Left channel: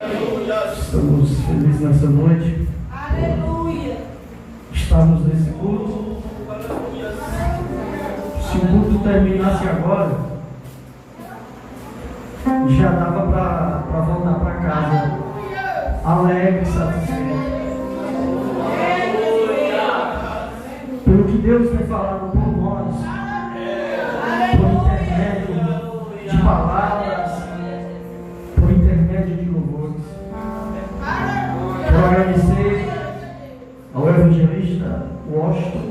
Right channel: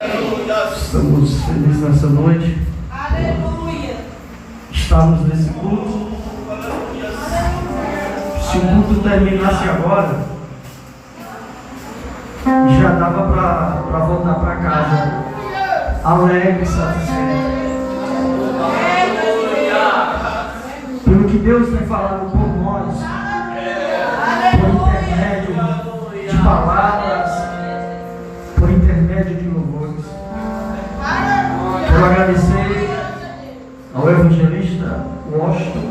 Estamos felizes nessa noite. Aleluia. Estamos nesse culto. Se o culto terminasse agora, já dava para voltar para casa alegre e satisfeito. Pelo que Deus tem falado por nós, por intermédio de palavras, por intermédio de louvores. Quero agradecer ao evangelista Washington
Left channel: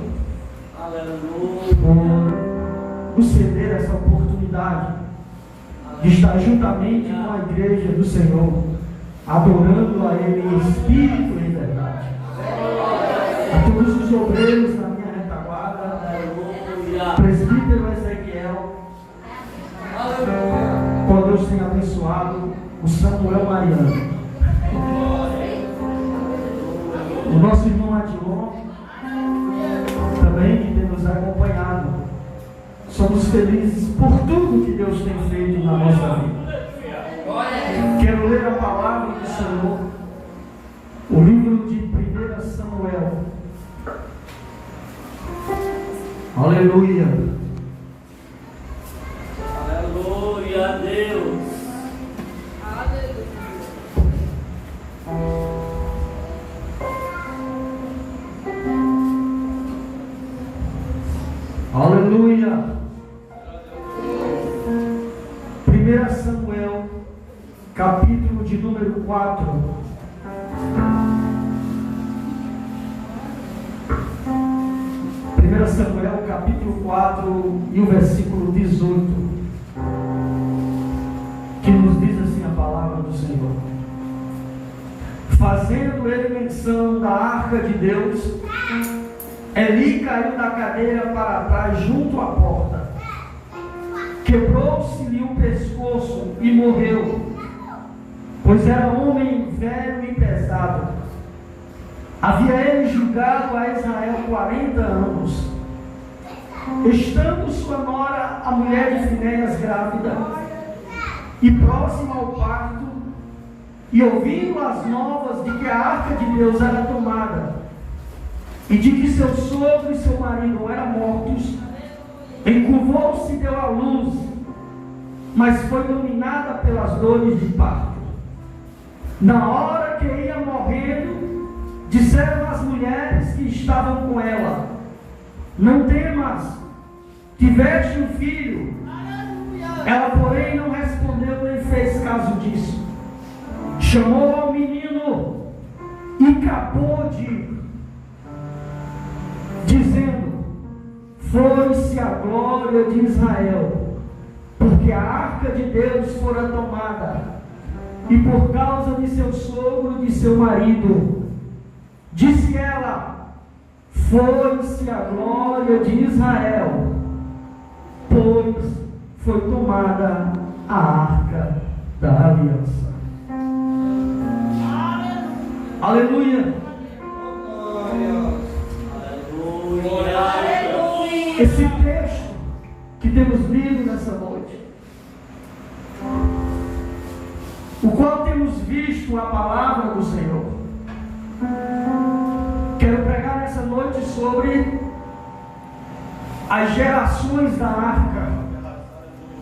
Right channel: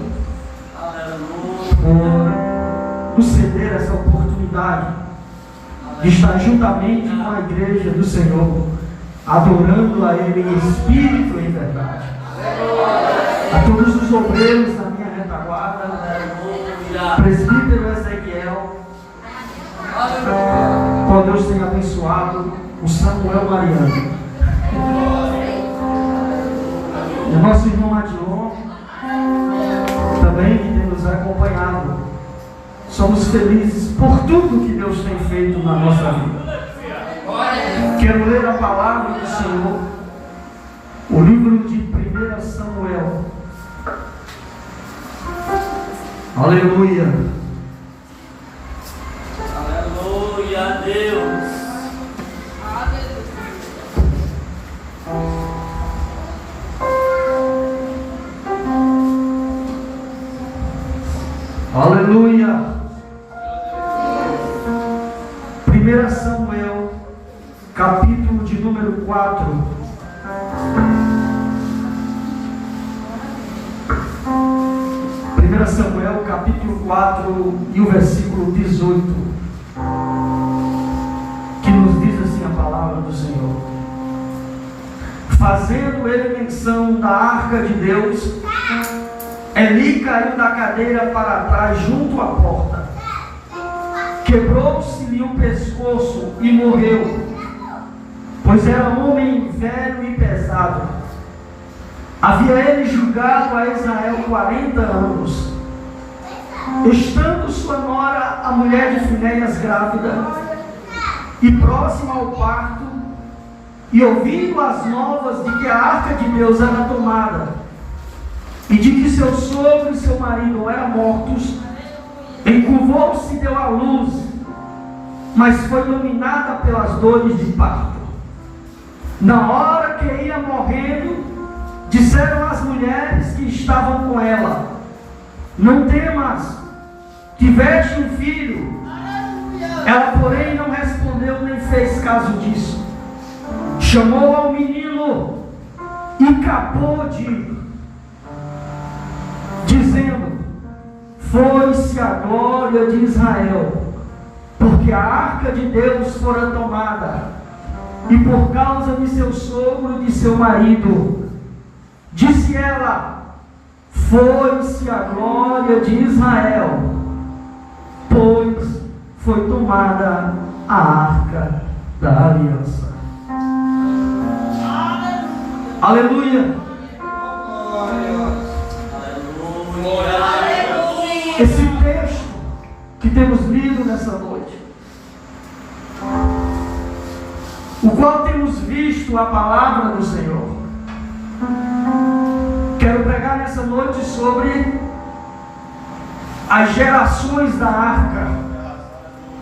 por nos ceder essa oportunidade de estar juntamente com a igreja do Senhor, adorando a Ele em espírito e em verdade. A todos os obreiros na minha retaguarda, presbítero Ezequiel, qual Deus tem abençoado, o Samuel Mariano, e o nosso irmão Adion, também que tem nos acompanhado. Somos felizes por tudo que Deus tem feito na nossa vida. Quero ler a palavra do Senhor, o livro de 1 Samuel. Aleluia. Aleluia a Deus. Aleluia. 1 Samuel, capítulo de número 4. 1 Samuel, capítulo 4 e o versículo 18, que nos diz assim a palavra do Senhor: fazendo ele menção da arca de Deus, Eli caiu da cadeira para trás junto à porta, quebrou-se-lhe o pescoço e morreu, pois era homem velho e pesado. Havia ele julgado a Israel 40 anos. Estando sua nora, a mulher de Finéias, grávida e próxima ao parto, e ouvindo as novas de que a arca de Deus era tomada, e de que seu sogro e seu marido eram mortos, encurvou-se e deu à luz, mas foi dominada pelas dores de parto. Na hora que ia morrendo, disseram as mulheres que estavam com ela: não temas, tiveste um filho. Ela, porém, não respondeu nem fez caso disso. Chamou ao menino e acabou dizendo: foi-se a glória de Israel, porque a arca de Deus fora tomada, e por causa de seu sogro e de seu marido. Disse ela: foi-se a glória de Israel, pois foi tomada a arca da aliança. Aleluia. Esse texto que temos lido nessa noite, o qual temos visto a palavra do Senhor, quero pregar nessa noite sobre as gerações da arca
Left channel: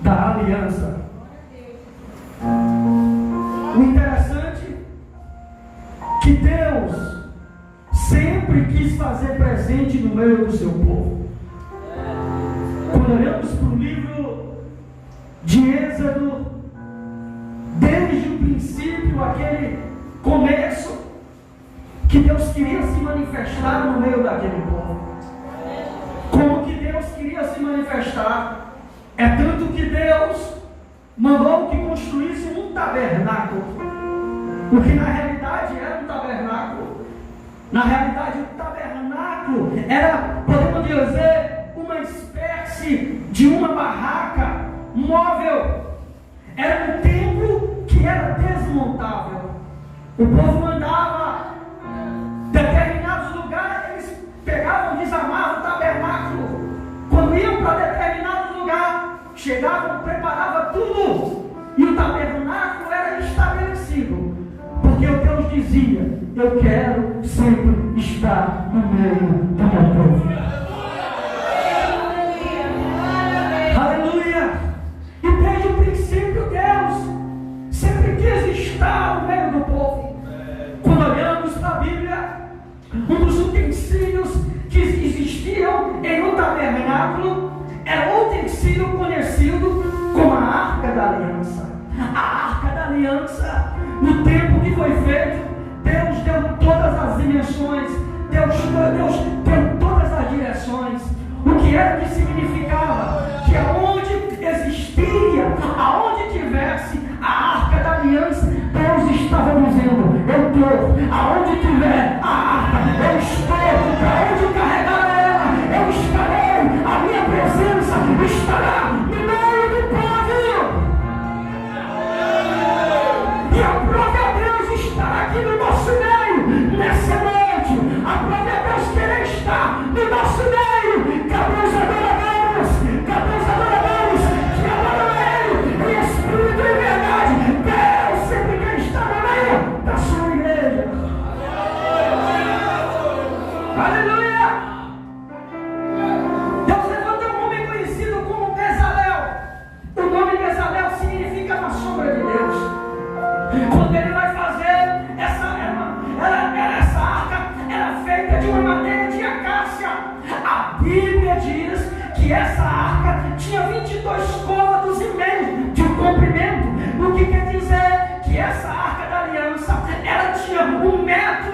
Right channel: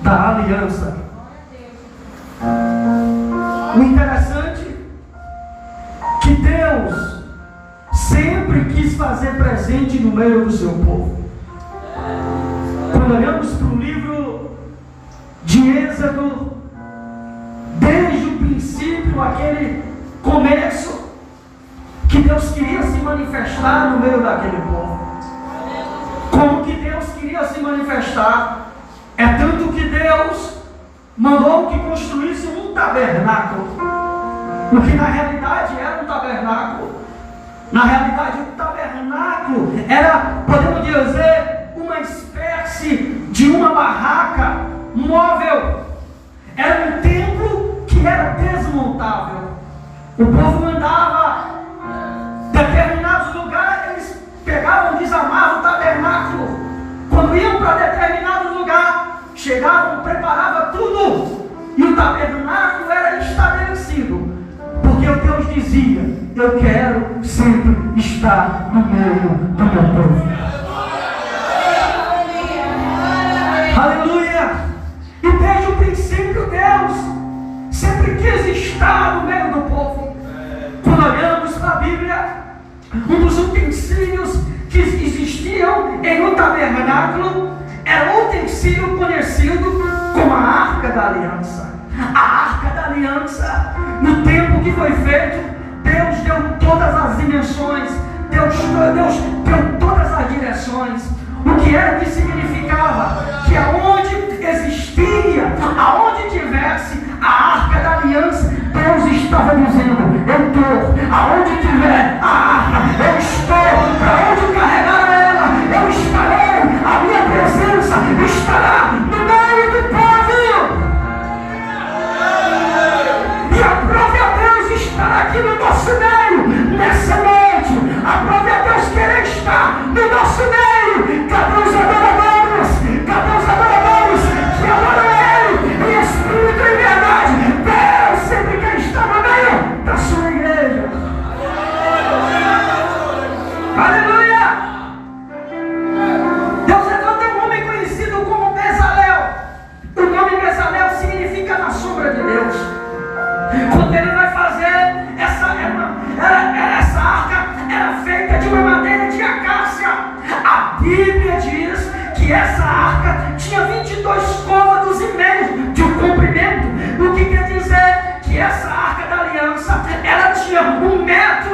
da aliança. O interessante é que Deus sempre quis fazer presente no meio do seu povo. Quando olhamos para o livro de Êxodo, desde o princípio, aquele começo, que Deus queria se manifestar no meio daquele povo. Como que Deus queria se manifestar? É tanto que Deus mandou que construísse um tabernáculo, o que na realidade era um tabernáculo. Na realidade, o tabernáculo era, podemos dizer, uma espécie de uma barraca móvel. Era um templo que era desmontável. O povo andava determinados lugares, eles pegavam, desarmavam o tabernáculo. Quando iam para determinado lugar, chegavam, preparavam tudo, e o tabernáculo era estabelecido. dizia: eu quero sempre estar no meio do meu povo. Aleluia! E desde o princípio Deus sempre quis estar no meio do povo. Quando olhamos para a Bíblia, um dos utensílios que existiam em um tabernáculo era o utensílio conhecido como a Arca da Aliança. A Arca da Aliança, no tempo que foi feito, Deus deu todas as dimensões, Deus deu todas as direções. O que era que significava? Que aonde existia, aonde tivesse a Arca da Aliança, Deus estava dizendo: eu estou, aonde tiver a arca, eu estou, para onde carregar ela, eu estarei, a minha presença estará no meio do povo. E aprove a Deus estar aqui no nosso meio, nessa noite. Aprove a Deus querer estar no nosso meio. Cadê os adoradores? Cadê os adoradores que adoram Ele em espírito e verdade? Deus sempre quer estar no meio da sua igreja. Aleluia! Deus levanta um homem conhecido como Bezalel. O nome Bezalel significa na sombra de Deus. Quando ele vai fazer essa arca, era feita de uma madeira de acácia. A Bíblia diz que essa arca tinha 22 côvados e meio de comprimento. O que quer dizer? Que essa arca da aliança, ela tinha 1,11 metros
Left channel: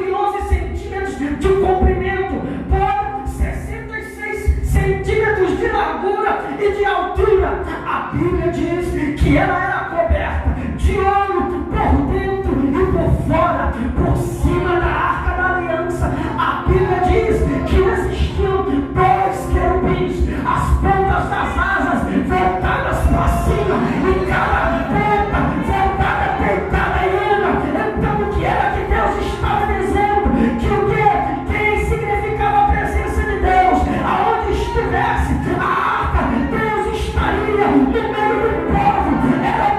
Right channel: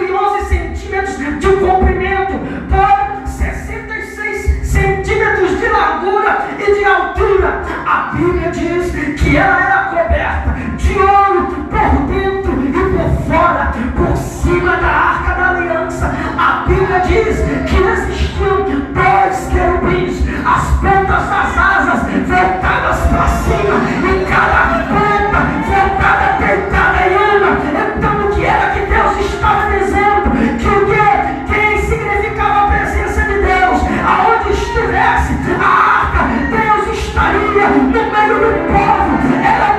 de comprimento por 66 centímetros de largura e de altura. A Bíblia diz que ela era coberta de ouro por dentro e por fora, por cima da arca da aliança. A Bíblia diz que existiam 2 querubins, as pontas das asas voltadas para cima e cada ponta voltada, deitada em uma. Então o que era que Deus estava dizendo? Que o que? Quem significava a presença de Deus? Aonde estivesse a arca, Deus estaria no meio do povo. Era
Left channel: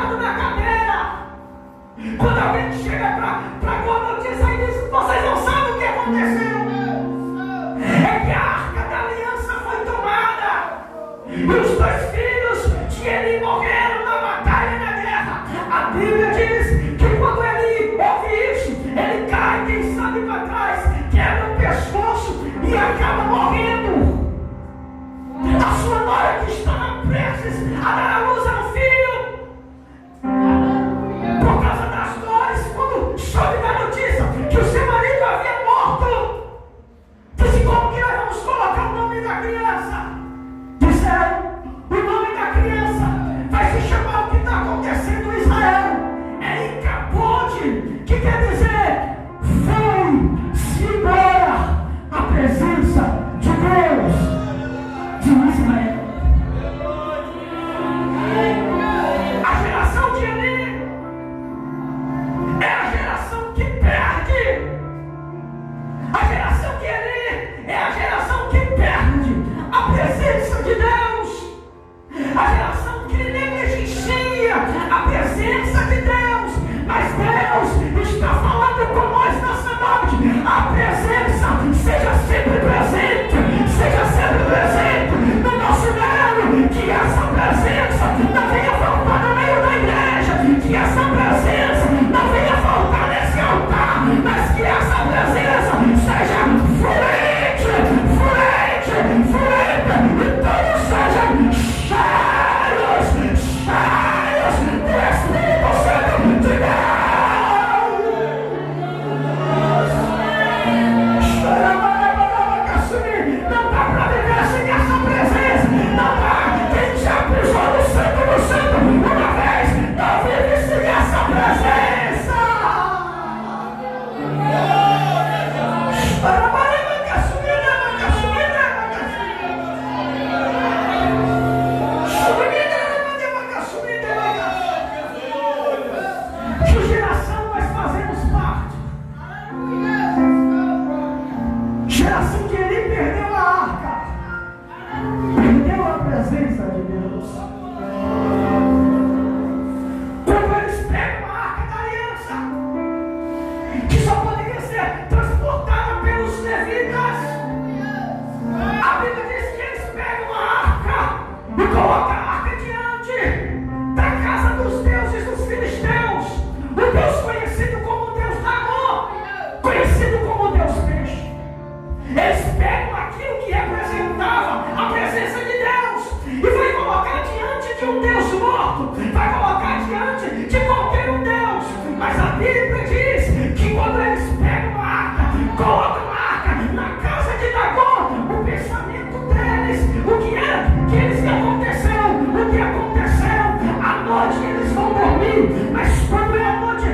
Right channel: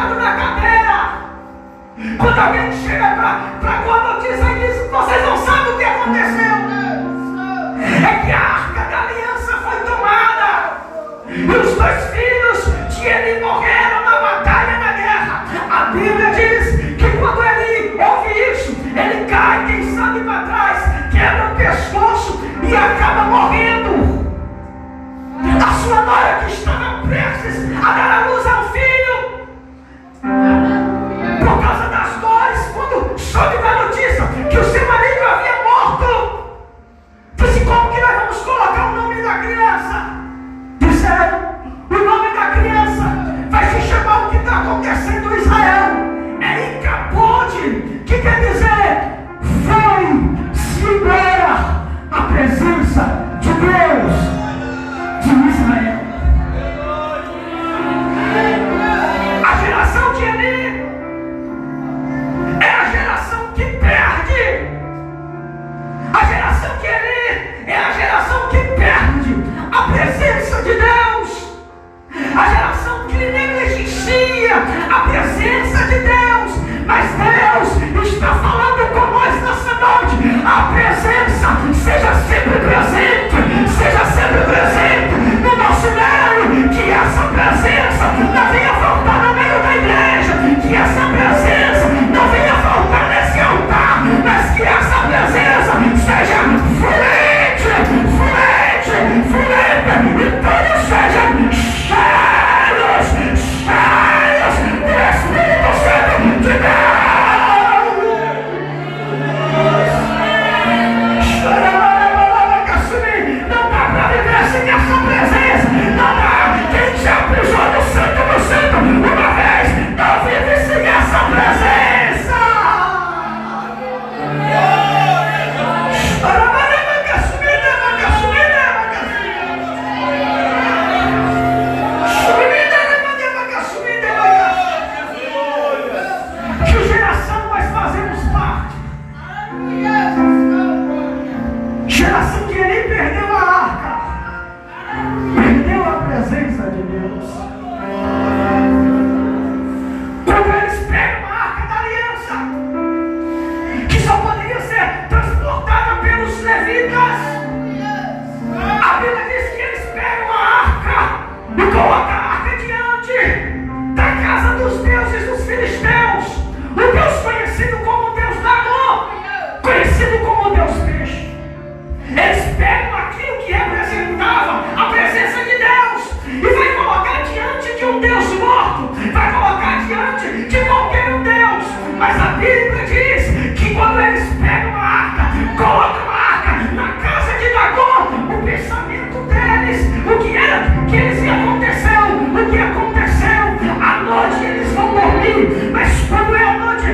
sentado na cadeira. Quando alguém chega para com a notícia e diz: vocês não sabem o que aconteceu. É que a arca da aliança foi tomada. E os 2 filhos de Eli morreram na batalha, na guerra. A Bíblia diz que quando ele ouve isso, ele cai, quem sabe para trás, quebra o pescoço e acaba morrendo. A sua nora que estava prestes a dar a luz ao filho, por causa das dores, quando soube da notícia que o seu marido havia morto, disse: como que nós vamos colocar o nome da criança? Disseram: o nome da criança vai se chamar o que está acontecendo em Israel. É Icabode, que quer dizer foi-se embora a presença de Deus de Israel. A geração de Eli é a geração que perde. A geração de Eli é a geração que perde a presença de Deus. A geração que negligencia a presença de Deus. Mas Deus está falando com nós nessa noite. A presença seja sempre presente. Seja sempre presente no nosso meio. Que essa presença não venha faltar no meio da igreja. Que essa presença não venha faltar nesse altar. Mas que essa presença seja fluente. E todos sejam cheios do Espírito Santo de Deus. Não dá para viver sem essa presença. Não dá. Quem já pisou no santo uma vez, não vive sem essa presença. Que geração nós fazemos parte? Geração que Eli perdeu a arca, perdeu a presença de Deus. Quando eles pegam a arca da aliança, que só poderia ser transportada pelos levitas, a Bíblia diz que eles pegam a arca e colocam a arca diante da casa dos deuses dos filisteus, o Deus conhecido como Deus Dagon, conhecido como Deus Peixe. Eles pegam aquilo que representava a presença de Deus e vai colocar diante de um Deus morto, vai colocar diante de qualquer um Deus. Mas a Bíblia diz que quando eles pegam a arca, colocam a arca na casa de Dagon, o pensamento deles, o que era que eles aconteceu, à noite eles vão dormir, mas quando é a noite,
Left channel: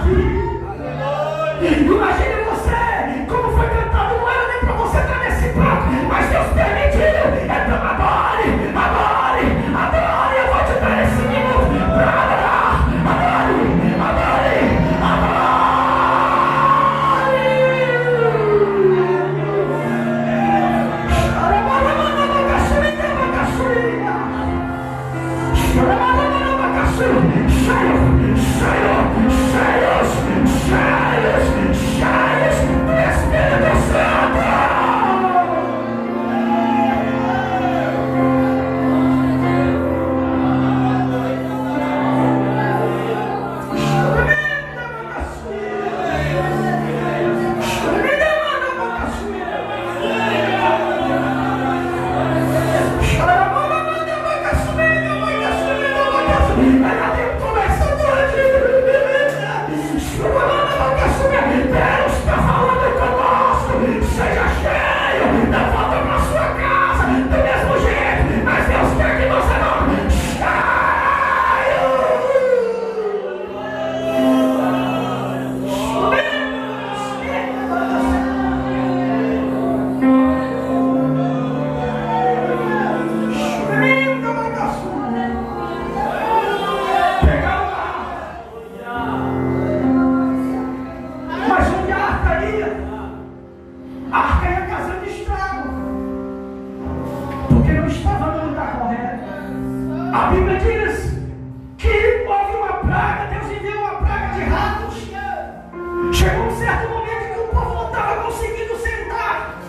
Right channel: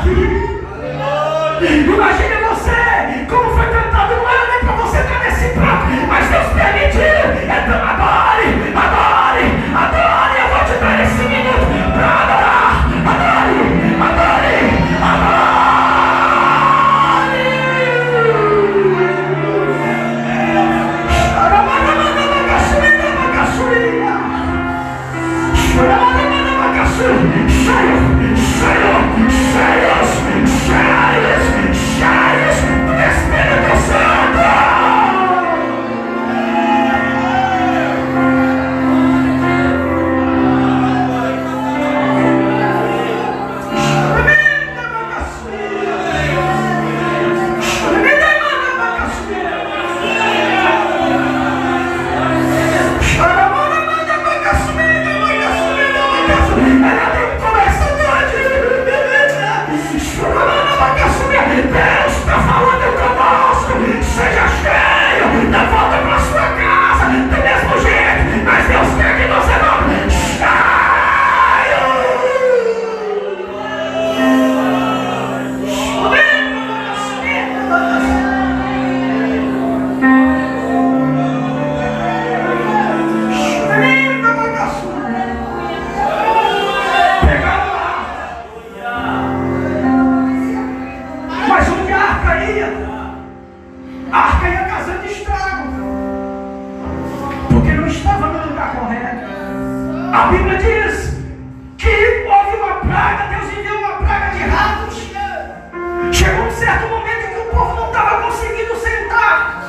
aqui. Imagine você, como foi cantado, não era nem para você estar nesse prato, mas Deus permitiu. Então adore, adore, adore. Eu vou te dar esse minuto para adorar. Adore, adore, adore. Cheios do Espírito Santo. Deus está falando conosco. Seja cheio, não volta para sua casa do mesmo jeito, mas Deus quer que você não a arca ia causando estrago, porque não estava no lugar correto. A Bíblia diz que houve uma praga, Deus enviou uma praga de ratos. Chegou um certo momento que o povo não estava conseguindo sentar,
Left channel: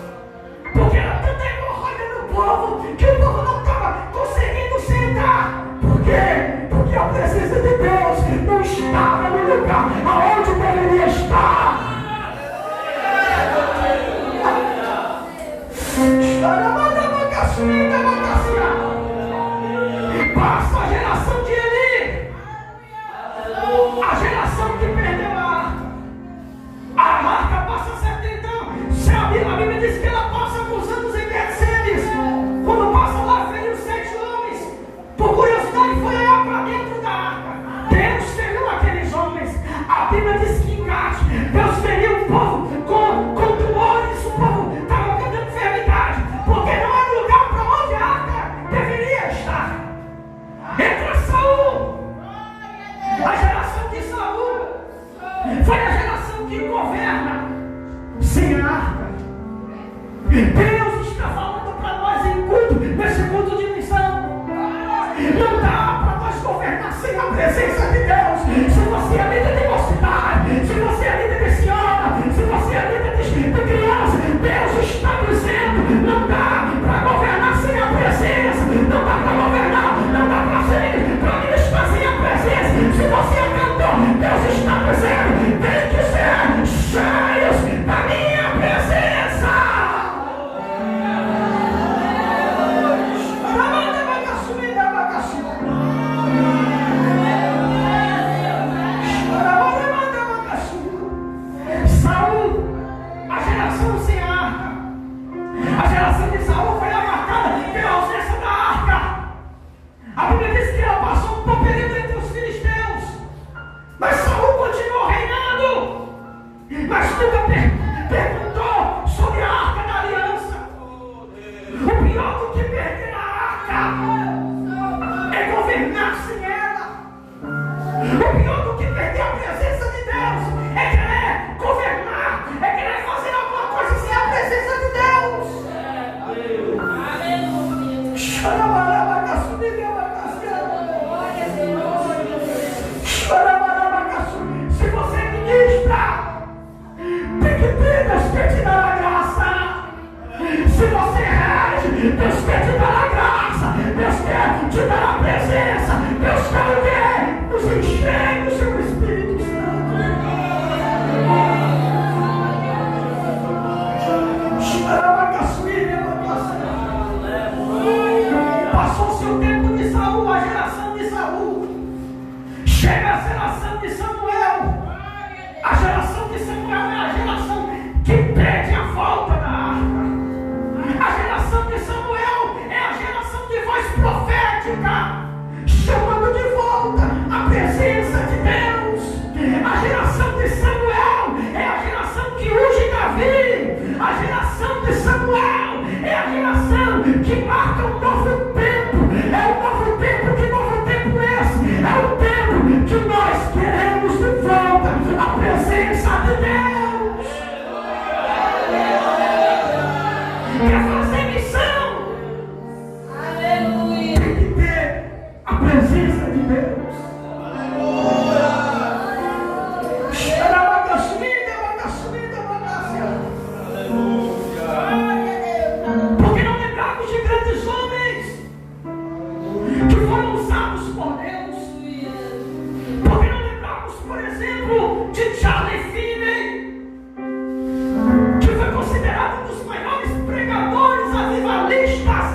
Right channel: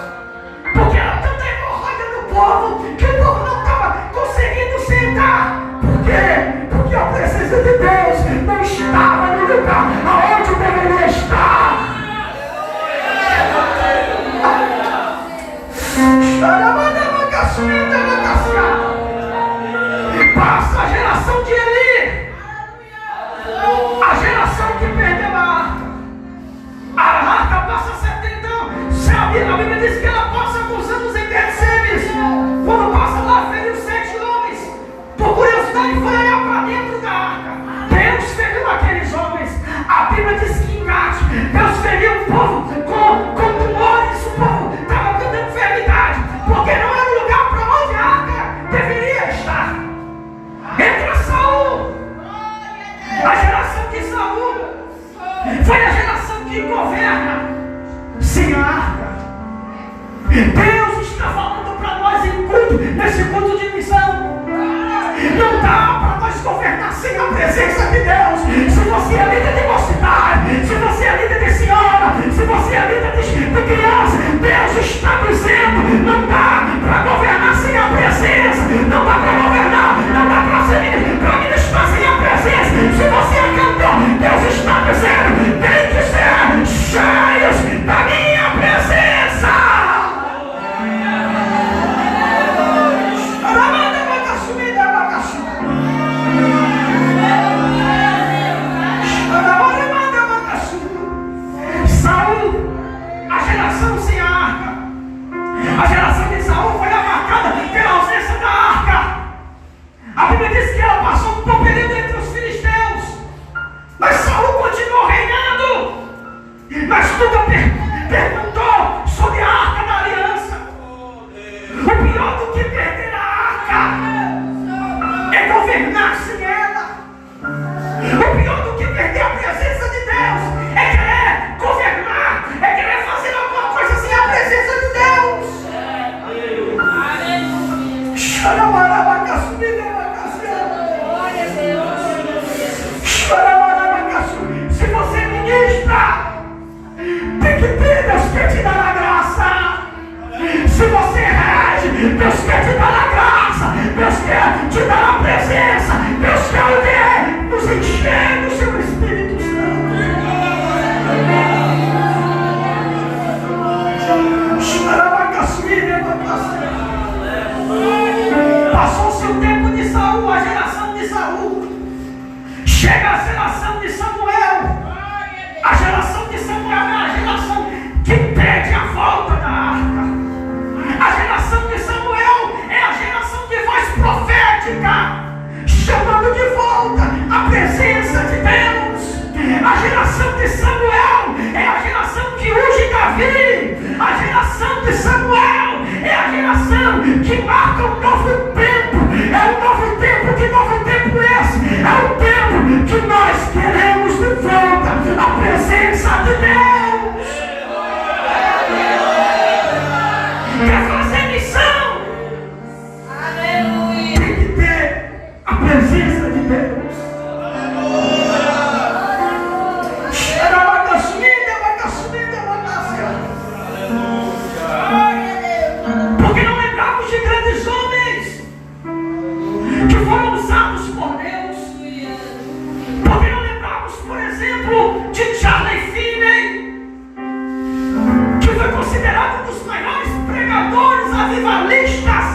porque era tanta hemorroida do povo, que o povo não estava conseguindo sentar. Por quê? Porque a presença de Deus não estava no lugar aonde deveria estar. Passa a geração de Eli, a geração que perdeu a arca passa 70 anos. A Bíblia diz que ela passa alguns anos em Betsemes. Quando passa lá, feriu 7 homens. Por curiosidade, foi olhar para dentro da arca. Deus feriu aqueles homens. A Bíblia diz que em Gade, Deus feriu o povo com tumores. O povo estava com enfermidade, porque não era o lugar para onde a arca deveria estar. Entra Saul. A geração de Saul foi a geração que governa sem a arca. Deus está falando para nós em culto, nesse culto de missão. Não dá para nós governar sem a presença de Deus. Se você é líder de mocidade, se você é líder de senhora, se você é líder de criança, Deus está dizendo: não dá para governar sem a presença. Não dá para governar, não dá para ministrar sem a presença. Se você é cantor, Deus está dizendo: tem que ser cheios da minha presença. Saul, a geração sem a arca. A geração de Saul foi marcada pela ausência da arca. A Bíblia diz que ela passou por um período entre os filisteus, mas Saul continuou reinando. Mas nunca perguntou sobre a arca da aliança. O pior do que perder a arca é governar sem ela. O pior do que perder a presença de Deus é querer governar, é querer fazer alguma coisa sem a presença de Deus. Se você ministra, tem que ter, Deus quer te dar a graça. Se você rege, Deus quer te dar a graça. Deus quer te dar a presença. Deus quer nos encher do seu Espírito Santo. Passou-se o tempo de Saul, a geração de Saul. Chega a geração de Samuel. A geração de Samuel é a geração que pede a volta da arca. A geração de Samuel é a geração de voz profética, chamando de volta a presença de Deus. A geração de Samuel é a geração que unge Davi. A geração de Samuel é a geração que marca um novo tempo. É um novo tempo. Que novo tempo é esse? É o tempo que nós queremos de volta a presença de Deus. Quer fazer missão? Tem que ter a presença de Deus. Porque não lembramos de grandes homens que foram usados por Deus. Porque não lembramos, por exemplo, de Charles Finney, que foi considerado um dos maiores pregadores avivalistas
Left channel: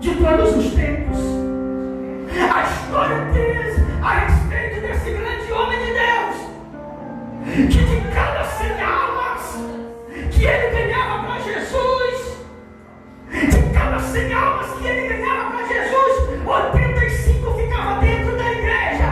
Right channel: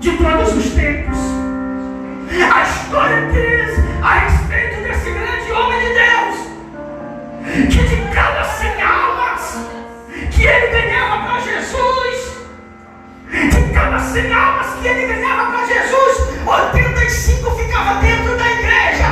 de todos os tempos. A história diz a respeito desse grande homem de Deus, que de cada 100 almas que ele ganhava para Jesus, de cada 100 almas que ele ganhava para Jesus, 85 ficava dentro da igreja.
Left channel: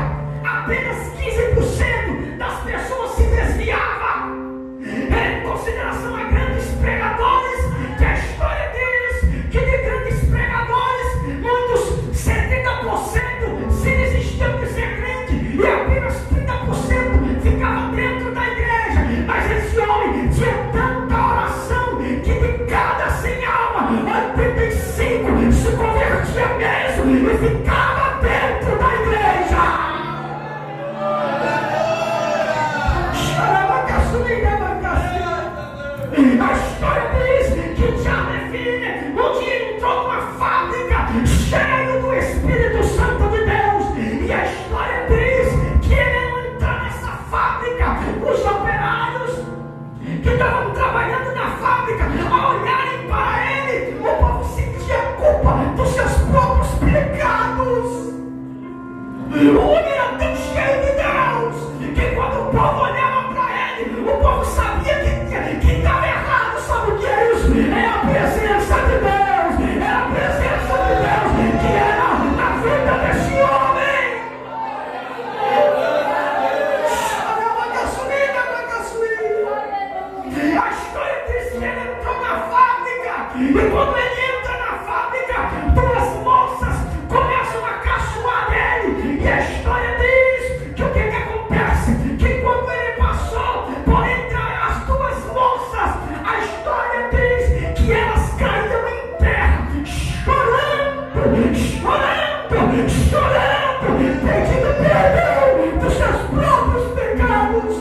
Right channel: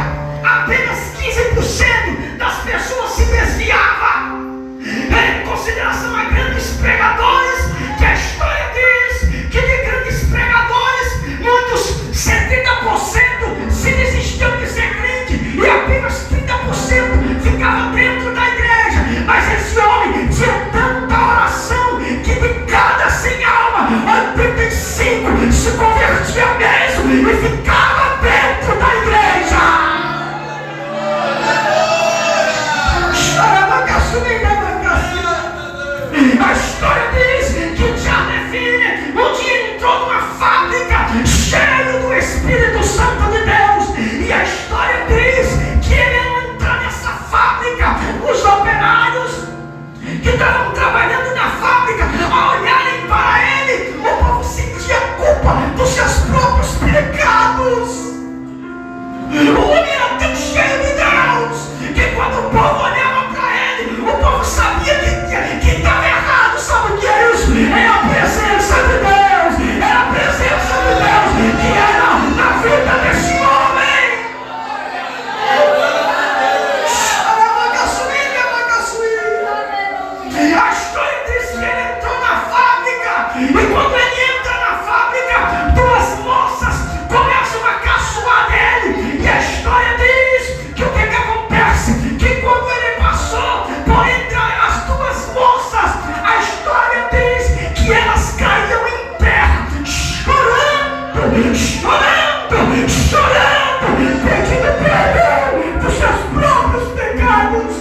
Apenas 15% das pessoas se desviava. Em consideração a grandes pregadores, que a história diz que de grandes pregadores, muitos 70% se desistiam de ser crente e apenas 30% ficava dentro da igreja. Mas esse homem tinha tanta oração que de cada 100 almas, 85 se convertia mesmo e ficava dentro da igreja. A história diz que Charles Finney um dia entrou numa fábrica cheio do Espírito Santo de Deus. E a história diz que ele ao entrar nessa fábrica, os operários que estavam trabalhando na fábrica, ao olharem para ele, o povo sentia culpa dos seus próprios pecados. O homem era tão cheio de Deus que quando o povo olhava para ele, o povo sabia que estava errado. Sabe o que é isso? É a presença de Deus. É a presença de Deus que era na vida desse homem. A história diz que ele entrou na fábrica, e quando ele entra na fábrica, duas moças começam a caçoar dele. E a história diz que o que acontece? Que quando ele passou por entre as duas moças, a história diz que elas caíam em terra, chorando, chorando, chorando, pedindo perdão dos seus próprios pecados.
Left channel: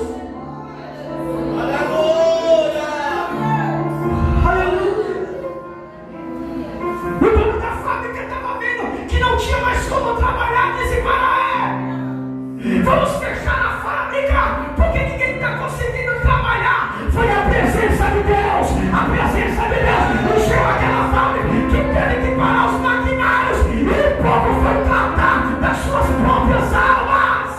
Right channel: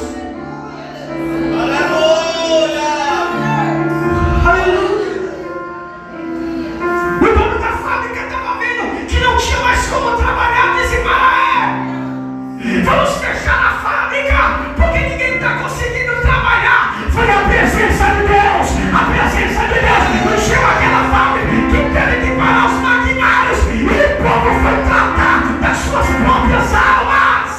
O dono da fábrica estava vendo que não tinha mais como trabalhar. Disse: vamos fechar a fábrica, porque ninguém está conseguindo trabalhar. Foi a presença de Deus. A presença de Deus encheu aquela fábrica que teve que parar os maquinários, e o povo foi tratar das suas próprias almas.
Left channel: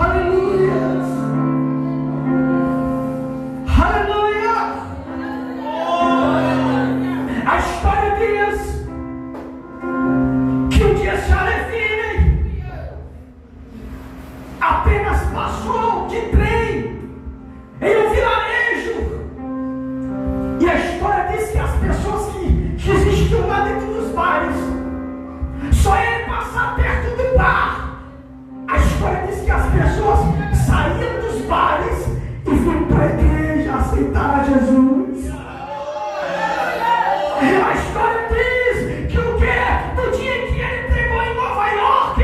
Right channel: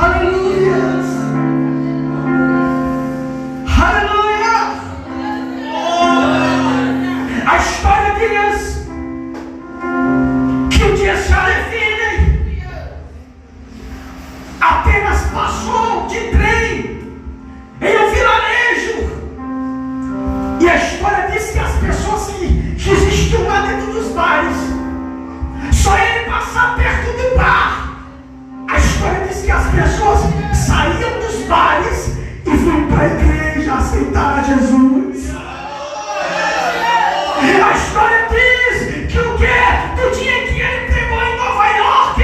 Aleluia. Aleluia. A história diz que o dia Charles Finney apenas passou de trem em um vilarejo, e a história diz que as pessoas que existiam lá dentro dos bares, só ele passar perto do bar, a história diz que as pessoas saíam dos bares e foram para a igreja aceitar Jesus. A história diz que o que? Do dia que ele pregou em Nova York,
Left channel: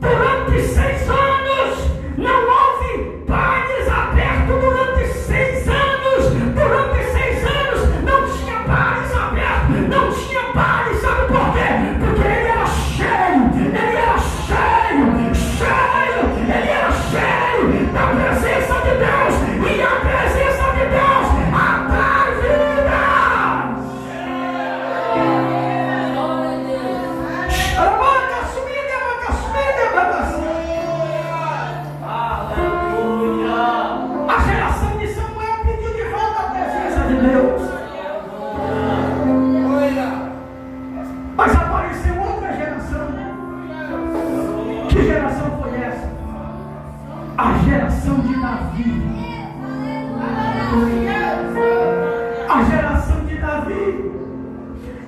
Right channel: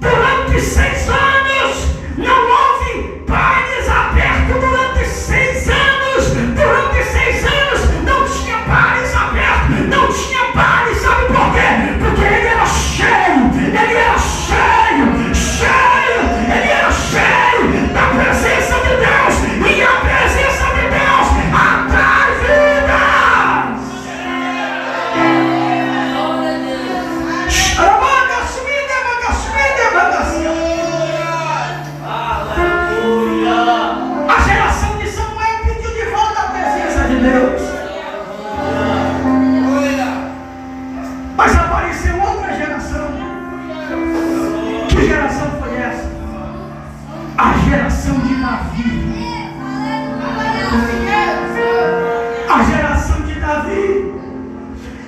durante 6 anos, não houve bailes abertos durante 6 anos. Durante 6 anos não tinha bares abertos, não tinha bares. Sabe por quê? Porque ele era cheio, ele era cheio, cheio, ele era cheio da presença de Deus, e a presença de Deus atrai vidas. A geração de Samuel pediu de volta a presença de Deus.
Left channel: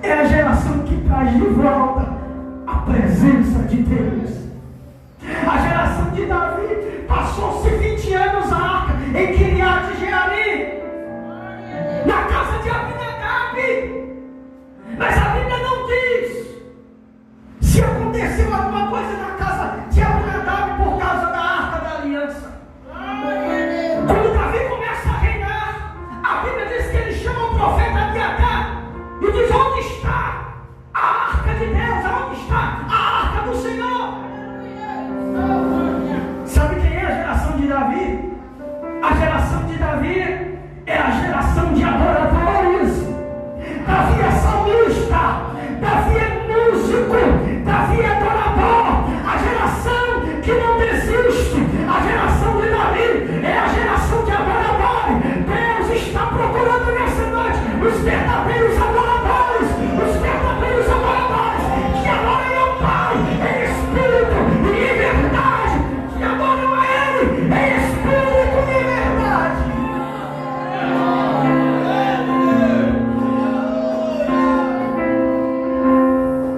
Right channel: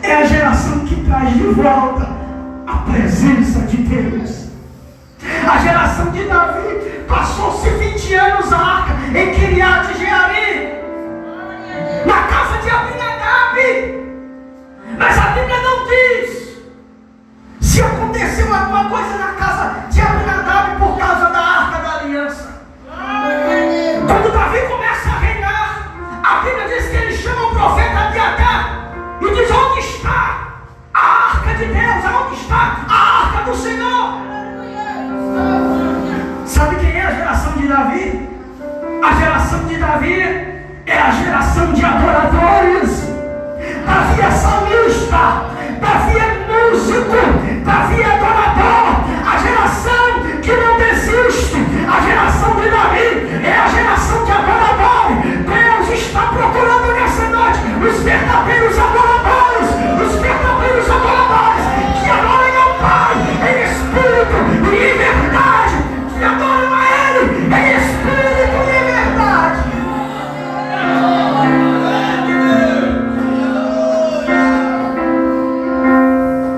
é a geração que traz de volta a presença de Deus. A geração de Davi passou-se 20 anos a arca em Kiriat Jearim, na casa de Abinadab. Mas a Bíblia não diz se aconteceu alguma coisa na casa de Abinadab por causa da arca da aliança. Quando Davi começa a reinar, a Bíblia diz que ele chama o profeta Abiatar e diz: onde está a arca de Deus? Onde está a arca do Senhor? Sabe quem é a geração de Davi? A geração de Davi é a geração de adoradores. Davi é salmista, Davi é músico, Davi é adorador. A geração que não desiste, a geração de Davi é a geração de adoradores. Deus está procurando nessa noite os verdadeiros adoradores, que adoram ao Pai em espírito e em verdade, que adoram a Ele em espírito e em verdade.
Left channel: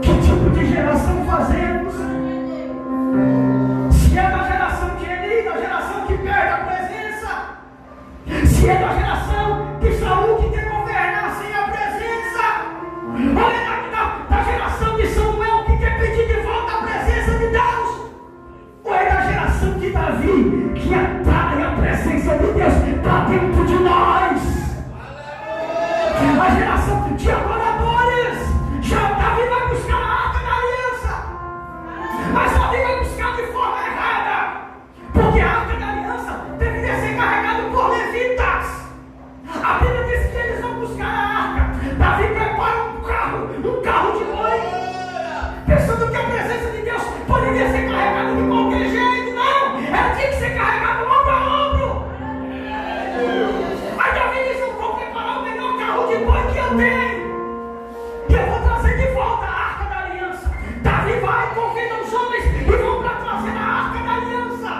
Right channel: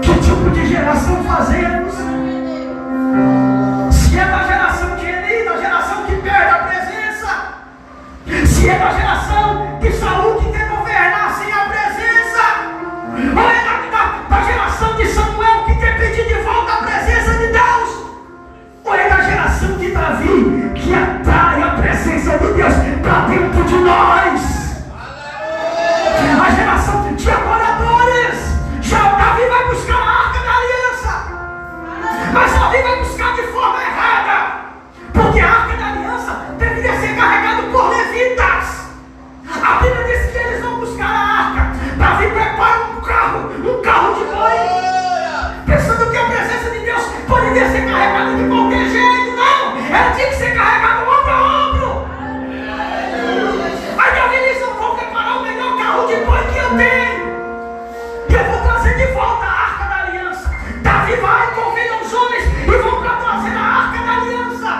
Que tipo de geração fazemos? Se é da geração que Eli, da geração que perde a presença, se é da geração de Saul que quer governar sem a presença, ou é da geração de Samuel que quer pedir de volta a presença de Deus, ou é da geração de Davi que atrai a presença de Deus para dentro de nós. A geração de adoradores. Já Davi vai buscar a arca da aliança, mas Davi vai buscar de forma errada, porque a arca da aliança deveria ser carregada por levitas. A Bíblia diz que eles vão buscar a arca. Davi prepara um carro de boi, pensando que a presença de Deus poderia ser carregada de qualquer jeito. Não, ela tinha que ser carregada ombro a ombro. Aí Davi diz: eu vou preparar o melhor carro de boi que eu tenho, e eu vou trazer de volta a arca da aliança. Davi vai, convida os homens e vão para trazer a arca da aliança.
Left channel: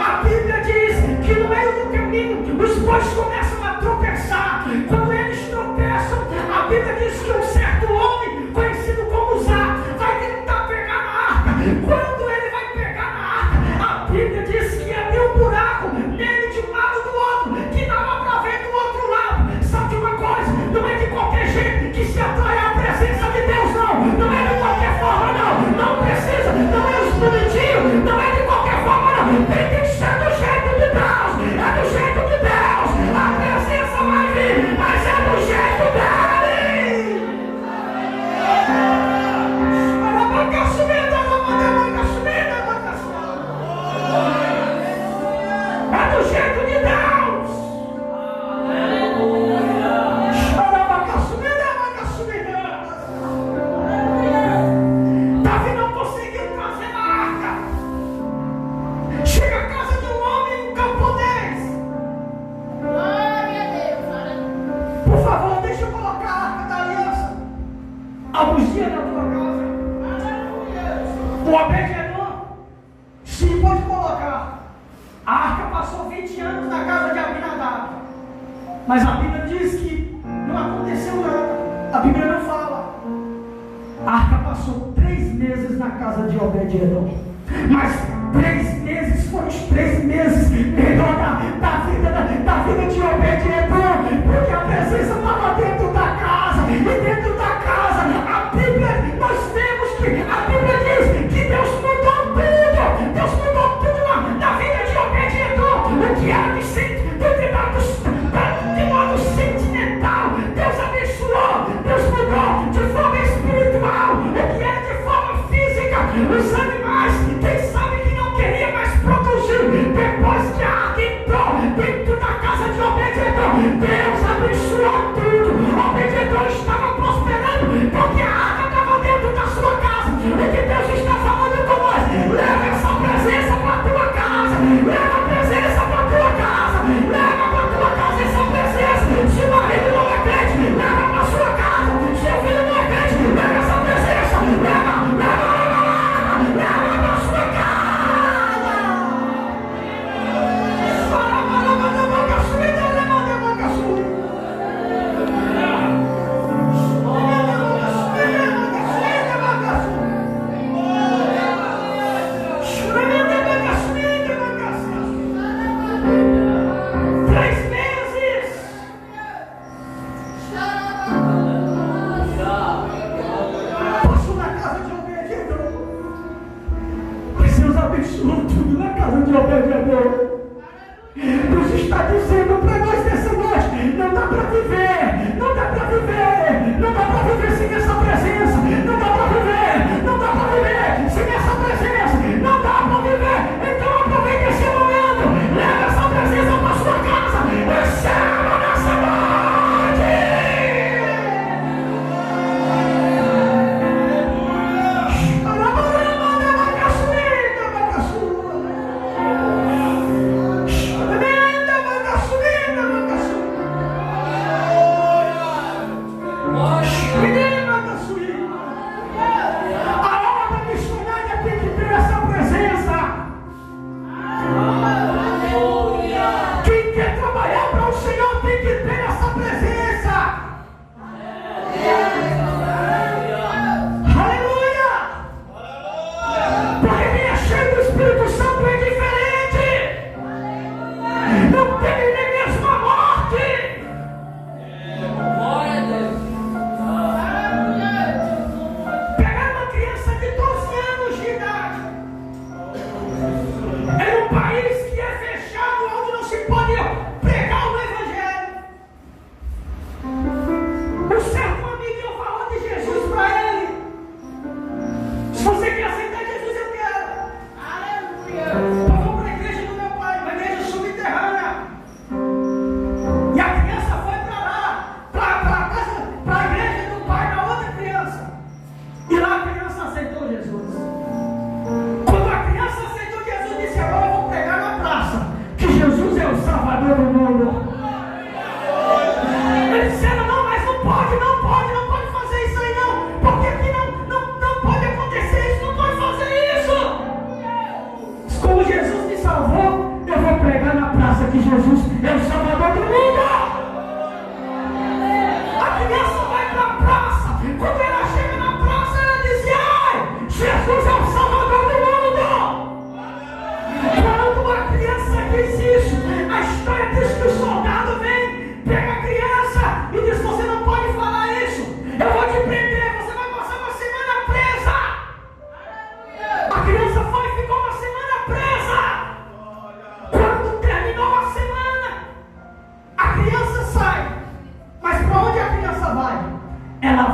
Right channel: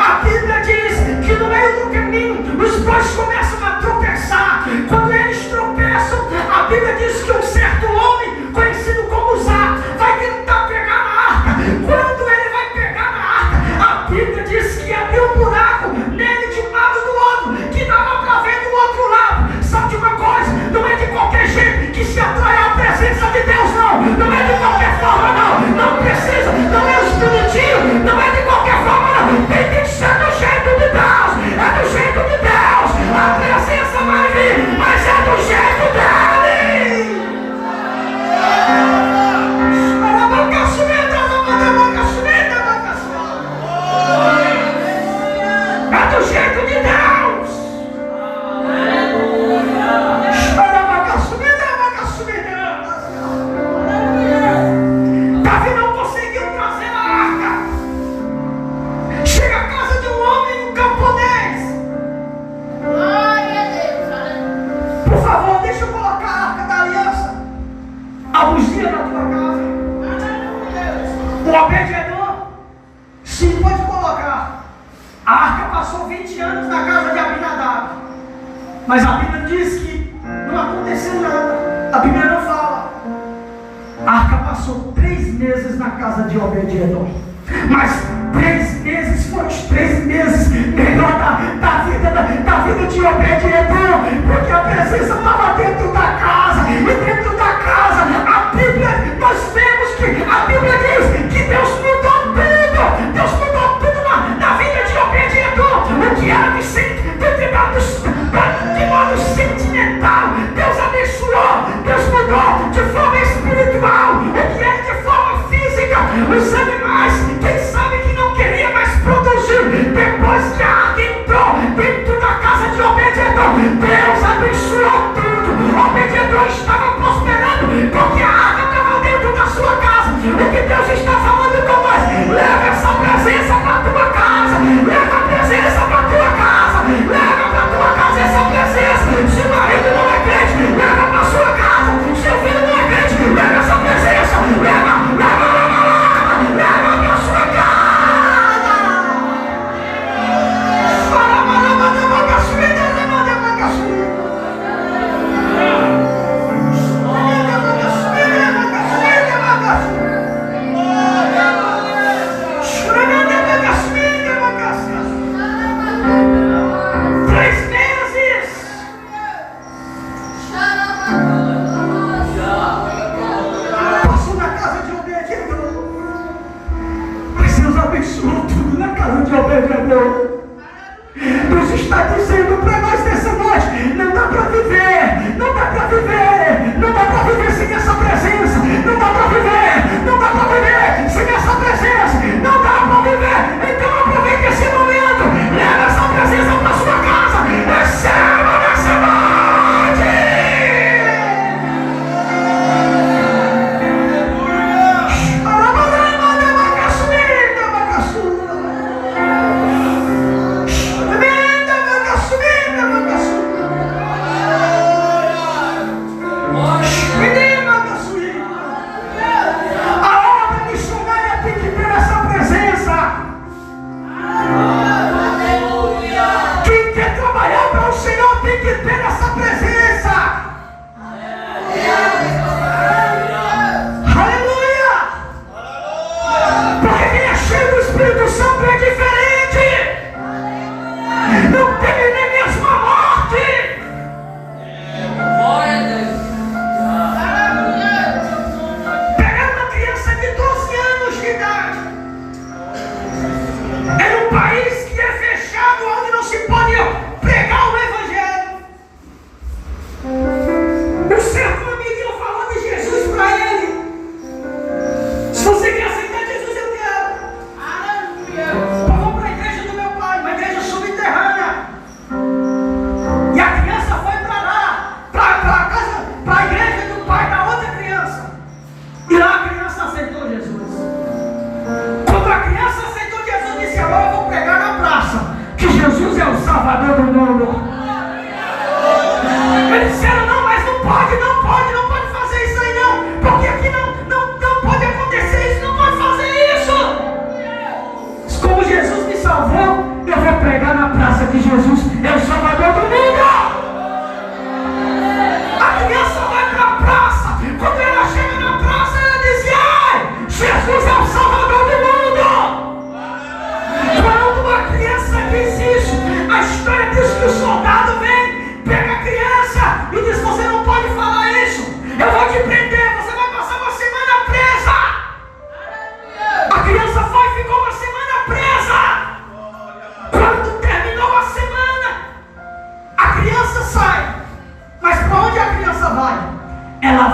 A Bíblia diz que no meio do caminho os bois começam a tropeçar. Quando eles tropeçam, a Bíblia diz que um certo homem, conhecido como Zá, vai tentar pegar na arca. Quando ele vai pegar na arca, a Bíblia diz que abriu um buraco nele de um lado do outro, que dava para ver do outro lado. Sabe de uma coisa? Não é de qualquer jeito que se atrai a presença de Deus, não. Não é de qualquer forma, não. Não precisa, não é os bonitinhos, não é de qualquer forma, não. Tem que ser do jeito de Deus. É do jeito de Deus. A presença vai vir, mas é do jeito dele. É do jeito de Deus. Davi não conseguiu trazer a arca. Chega à casa de um homem, um camponês. Por favor, deixa eu colocar a arca da aliança, a buzina na tua casa. O Obed-Edom: sim, pode colocar. A arca passou 20 anos na casa de Abinadab, mas a Bíblia diz que não aconteceu nada. A Bíblia não fala. A arca passou 3 meses na casa de Obed-Edom, mas 3 meses foram os 3 meses melhor da vida de Obed-Edom, porque a presença estava dentro da casa, e dentro da casa a Bíblia, nós vemos que a Bíblia diz que Deus mudou tudo. Deus mudou tudo na vida de Obed-Edom. O que era de modo sentimental, Deus abençoou, Deus mudou de forma espiritual. O que era de forma física, os animais, quem sabe que não queria mais produzir. Depois que a arca entrou dentro da casa de Obed-Edom, Deus abençoou tudo. Obed-Edom estava prosperando porque a arca estava dentro da sua casa. O que Deus está falando com nós: leva essa presença para a tua casa, leva a presença para a tua casa, leva para a tua casa essa presença. Se o marido não é crente, leva para a sua casa. Se o filho não é crente, leva essa presença, leva para a sua casa.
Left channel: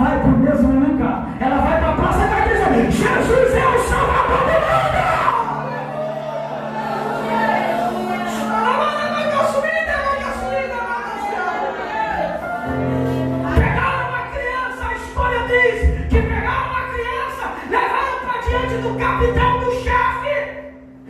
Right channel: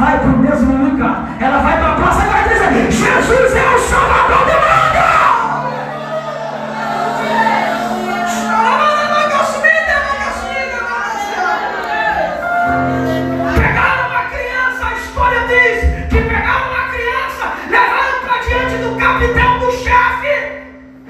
vai para o mesmo lugar. Ela vai para a praça e vai dizer: Jesus é o Salvador do mundo. Pegaram uma criança, a história diz que pegaram uma criança, levaram para diante do capitão, do chefe.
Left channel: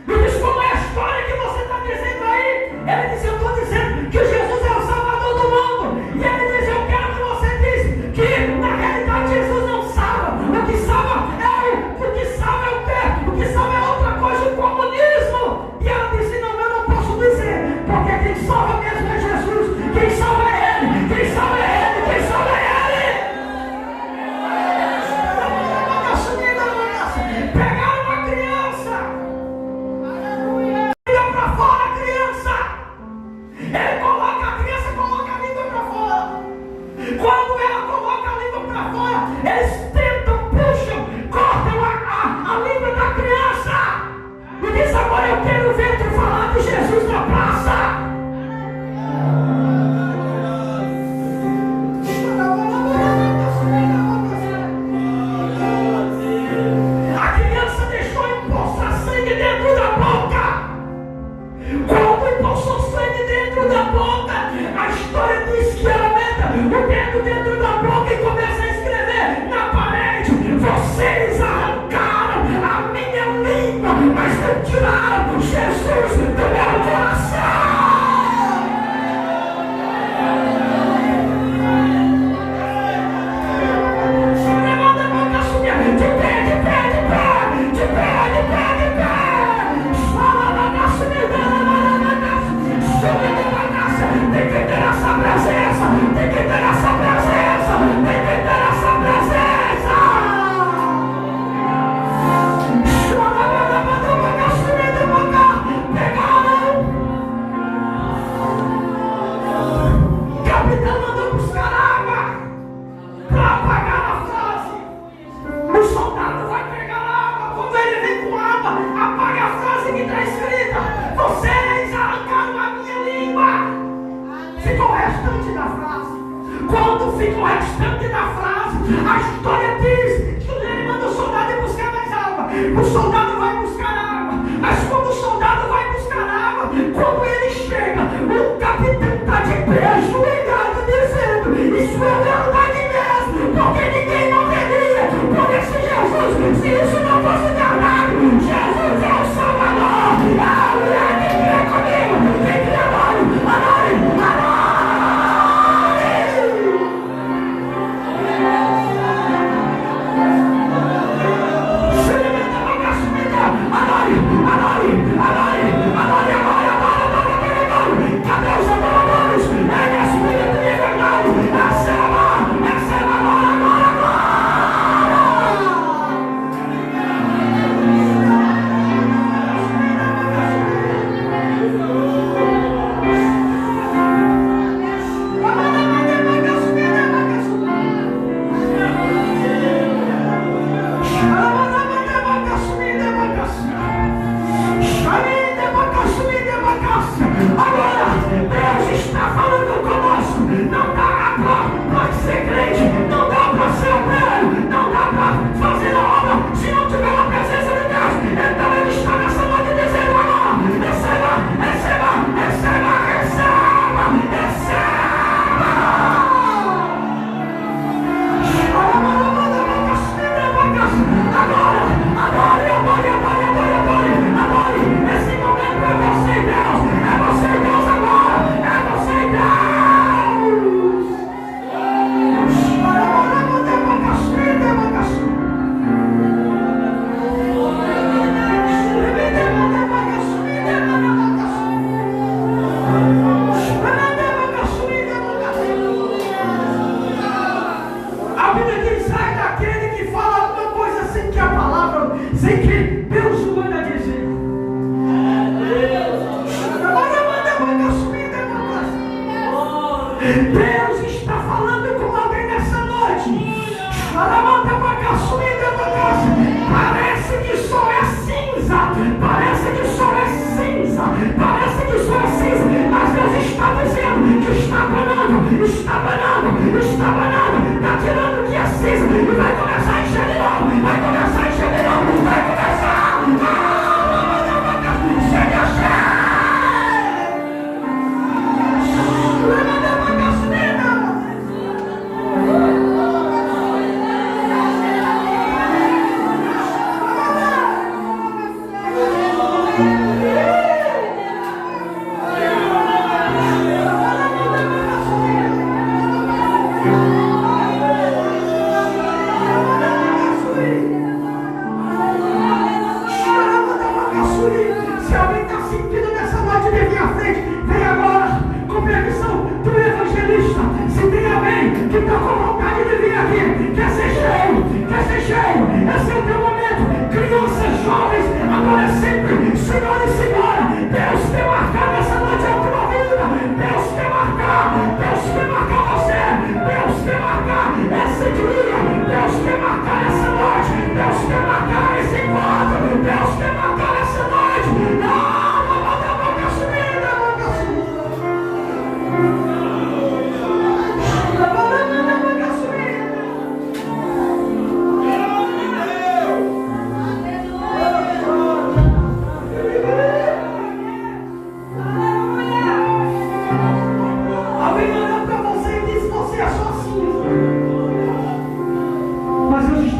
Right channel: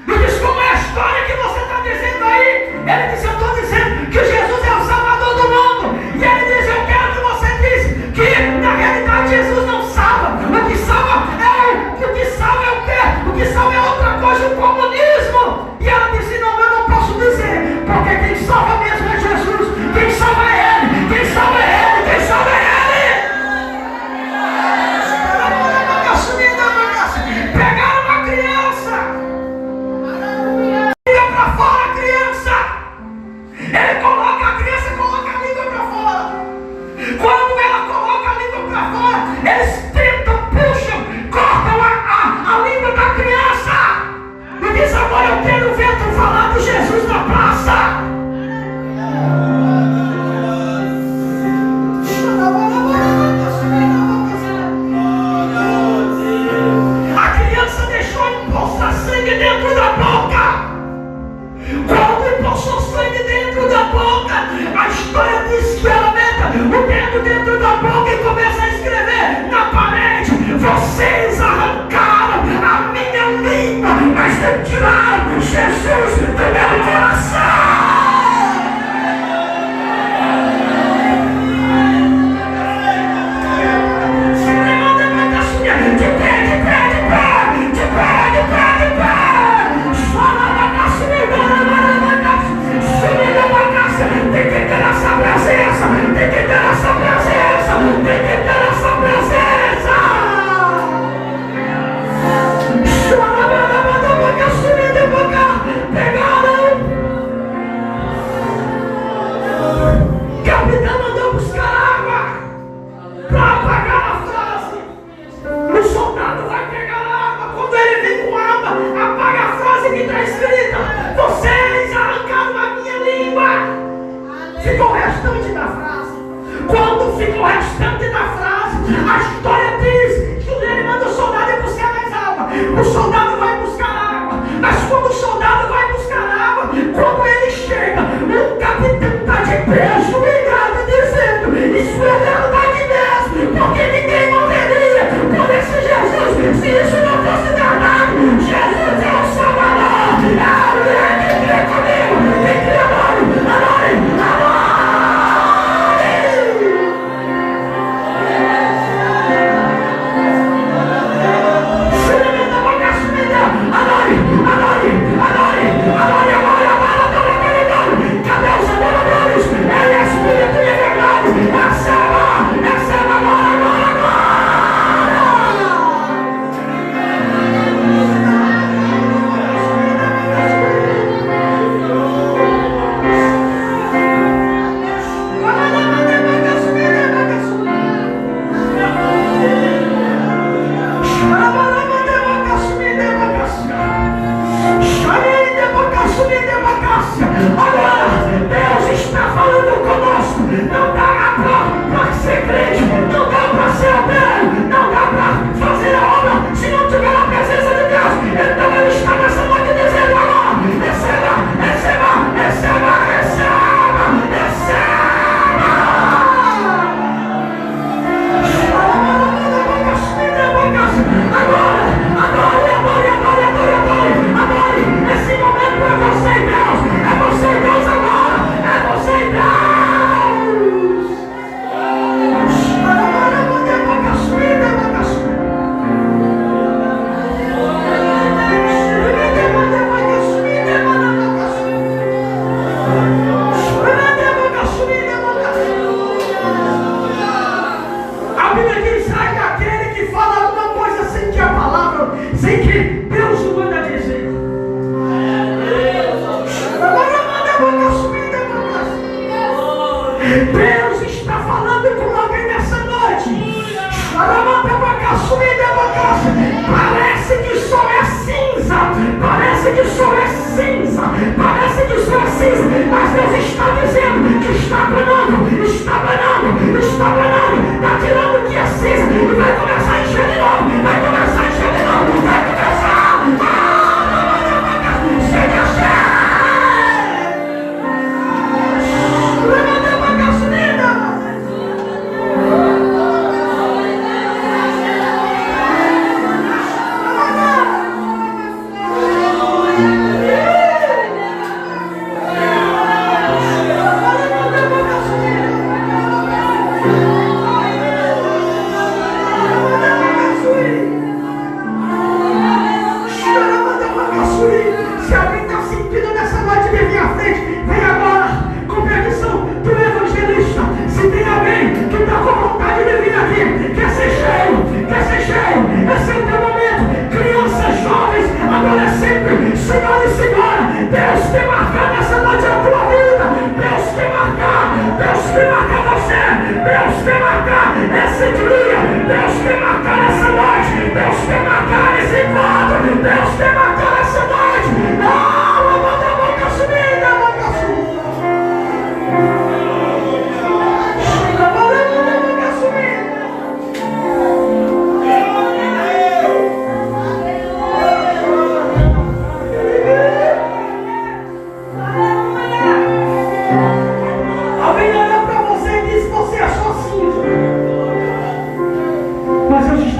E diz: como é a história que você está dizendo aí? Ele disse: eu estou dizendo que Jesus é o Salvador do mundo. E ele diz: eu quero que você diz que na realidade Jesus não salva. O que salva é o quê? O que salva é outra coisa, o comunismo. E ela disse: não, eu não posso dizer, porque quem salva mesmo é Jesus. Quem salva é Ele, quem salva é Ele, quem salva é Ele. Pegaram uma criança, liga para fora a criança. Ele coloca a criança, coloca a língua para fora. Quando ela coloca a língua para fora, eles tentam, puxam, cortam a língua da criança. E diz: agora eu quero ver tu falar de Jesus na praça. A criança deixou impulsar sangue dentro da boca. Quando impulsou sangue dentro da boca, a história diz que ela mete o dedo dentro da boca e começa a escrever na parede: vocês arrancaram a minha língua, mas não tiraram Jesus do meu coração. Tem que ter essa presença, tem que ter essa presença, tem que ter essa presença. Pegaram. O capitão mandou buscar água para apagar a frase. O soldado vai pegar água. Quando ele vem com água, apaga a frase que está escrita: vocês arrancaram a minha língua. Fica o restante da frase. Quando fica o restante da frase, a história diz que ele manda o soldado ir buscar mais água. O soldado vai buscar água. Mas quando o soldado vai buscar água, quando ele chega, o capitão está de pé, ajoelhado, dizendo: isso é verdade mesmo, porque ninguém morreria por esse Jesus se isso não fosse verdade. Jesus é o Salvador. Quem crê comigo, quem crê adore. Cadê os adoradores? Ele é Espírito de verdade. Receba agora. Agora, Deus está falando conosco. Não dá para ser crente, não dá para ser obreiro, não dá para fazer a obra se não tiver a presença de Deus. Então Ele está nessa noite dizendo agora: receba, receba, receba, receba, receba. Agora, esse momento é você e Deus, é você e Deus agora, é você e Deus. A Bíblia diz: sai daquele que fala alguma coisa sem que a palavra, sem que Deus o manda dizer. Deus está falando com alguém nessa noite. Parece que só é cinza, parece que só é cinza, parece que só é cinza, mas Deus está dizendo que está banando, está banando, está banando, está tirando o que é cinza.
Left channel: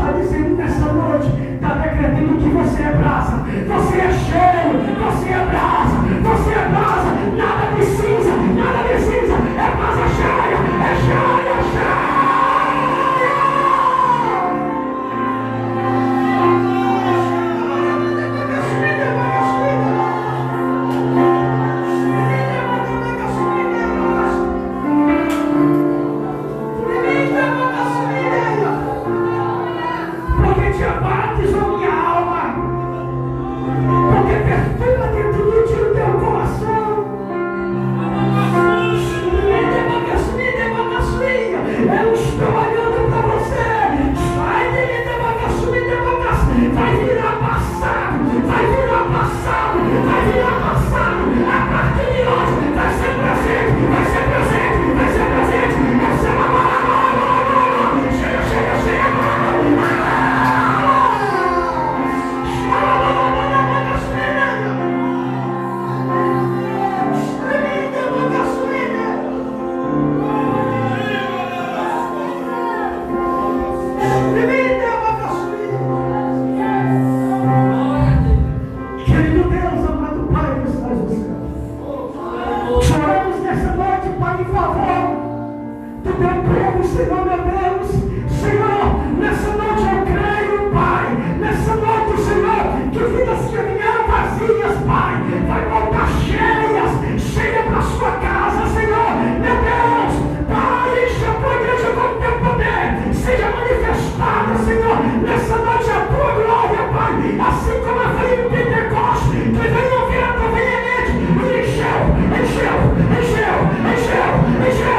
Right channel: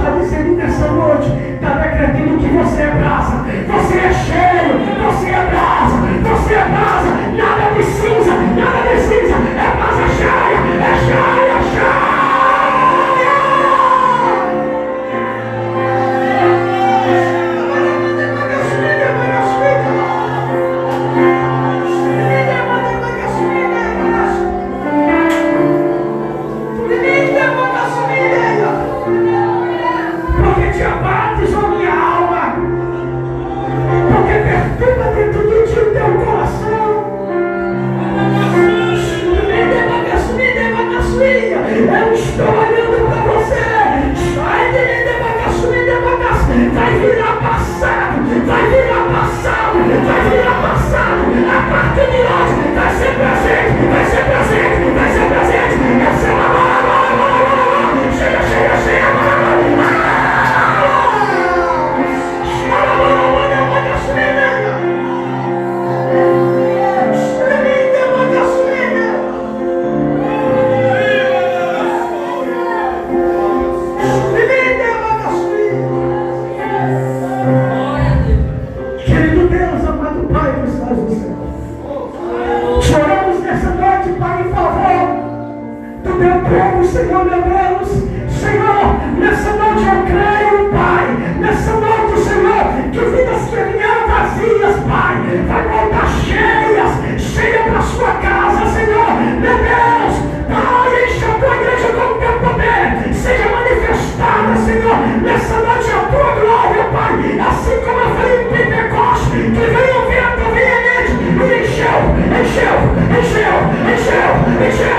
está dizendo nessa noite, está decretando que você é brasa, você é cheio, você é brasa, você é brasa, nada de cinza, é brasa cheia, é cheia, cheia. Porque te abates, ó minha alma, porque perturba dentro de ti o teu coração. Eu estou olhando para você. Vai virar passado, vai virar passado, vai virar passado. A partir de hoje vai ser presente, vai ser presente, vai ser presente. Essa é uma chega, chega, chega. Querido Deus, amado Pai dos céus do céu, choramos nessa noite, Pai, em favor do teu povo, Senhor, meu Deus. Senhor, nessa noite eu creio, Pai, nessa noite, Senhor, que vidas que vieram vazias, Pai, vai voltar cheias, cheia para a sua casa, Senhor, meu Deus. Pai, enche a tua igreja com o teu poder, seja manifestada, Senhor, nessa noite a tua glória, Pai, assim como eu falei em Pentecostes, que veio um vento veemente e encheu, encheu, encheu, encheu, encheu.